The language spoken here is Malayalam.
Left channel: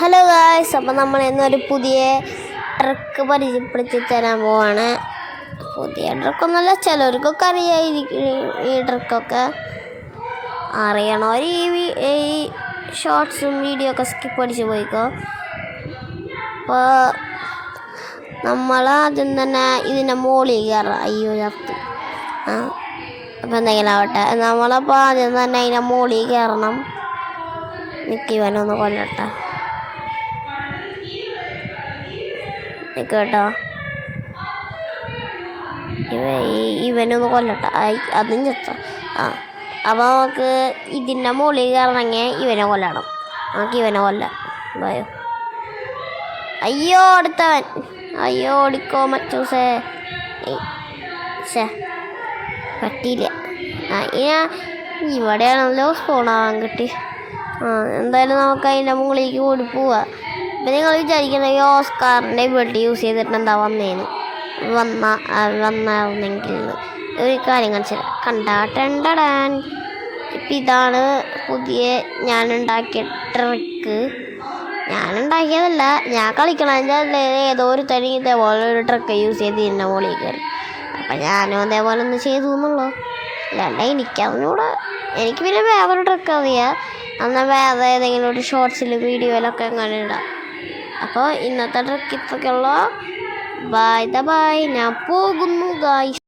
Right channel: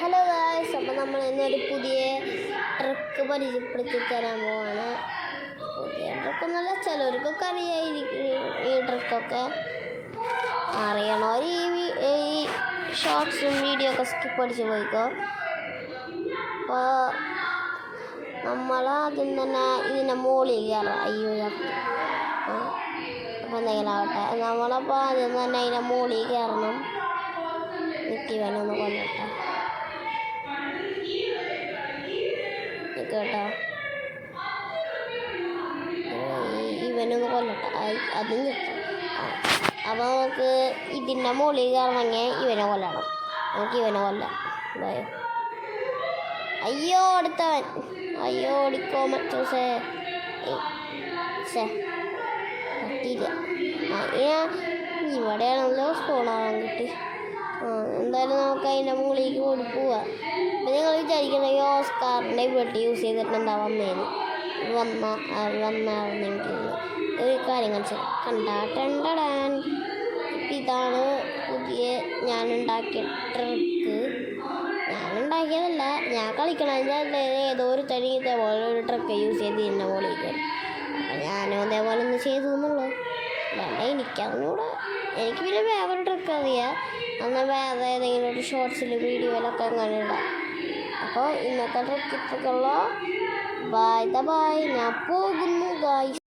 ഹലോ ഗായ്സ്, അപ്പോൾ നമ്മൾ ഇന്നൊരു പുതിയ ട്രിക്ക് പരിചയപ്പെടുത്തി തരാൻ പോവാണ്. പുതിയ ട്രിക്കൊന്നുമല്ല, ചിലർക്കൊക്കെ അറിയായിരിക്കും. ഈ ട്രിക്കൊക്കെ അറിയണവർ ഈ ഷോർട്സും വീഡിയോ ഒക്കെ സ്കിപ്പ് അടിച്ച് പോയിക്കോ. അപ്പോൾ നമ്മൾ ആദ്യം തന്നെ ഇതിൻ്റെ മുകളിൽ കയറാം. അയ്യോ ചത്തു. അപ്പോൾ എന്തെങ്കിലും ആവട്ടെ, നമ്മളപ്പോൾ ആദ്യം തന്നെ അതിൻ്റെ മുകളിൽ കയറണം. നിൽക്കിവനൊന്ന് കൊല്ലട്ടെ കേട്ടോ. ഇവനൊന്ന് കൊല്ലട്ടെ. അതും ചത്ത. അപ്പോൾ നമുക്ക് ഇതിൻ്റെ മുകളിൽ കയറണമെങ്കിൽ ഇവനെ കൊല്ലണം. നമുക്ക് ഇവനെ കൊല്ലാം. ഭയോ. അയ്യോ അടുത്തവൻ. അയ്യോ ഓടിക്കോ മച്ചൂസേ. പറ്റിയില്ല. ഇവിടെയാണല്ലോ സ്പൂണാവാൻ കിട്ടി. എന്തായാലും നമുക്ക് അതിൻ്റെ മുകളിലേക്ക് ഓടി പോവാം. അപ്പം നിങ്ങൾ വിചാരിക്കുന്നത് ഓസ്കാറിൻ്റെ ബെഡ് യൂസ് ചെയ്തിട്ട് എന്താ വന്നായിരുന്നെങ്കിൽ ഒരു കാര്യം കാണിച്ചു കണ്ടാട്ടണ്ടാൻ. ഇപ്പം ഇതാണ് പുതിയ ഞാനുണ്ടാക്കിയ ട്രിക്ക്. ഞാനുണ്ടാക്കിയതല്ല, ഞാൻ കളിക്കണമെങ്കിൽ ഏതോ ഒരു തനി ഇതേപോലെ ഒരു ട്രിക്ക് യൂസ് ചെയ്ത് ഇതിൻ്റെ മുകളിൽ കയറി. അപ്പം ഞാനും അതേപോലെ ഒന്ന് ചെയ്തു എന്നുള്ളൂ. അല്ലാണ്ട് എനിക്കറിഞ്ഞൂടെ. എനിക്ക് പിന്നെ വേറൊരു ട്രിക്ക് അറിയാം. എന്നാൽ വേറെ ഏതെങ്കിലും ഒരു ഷോർട്സിൽ വീഡിയോയിലൊക്കെ അങ്ങനെ ഇടാം. അപ്പോൾ ഇന്നത്തെ ട്രിക്ക് ഇത്രയ്ക്കുള്ള. ബൈ. ഞാൻ പോകുന്നു ഗായ്സ്.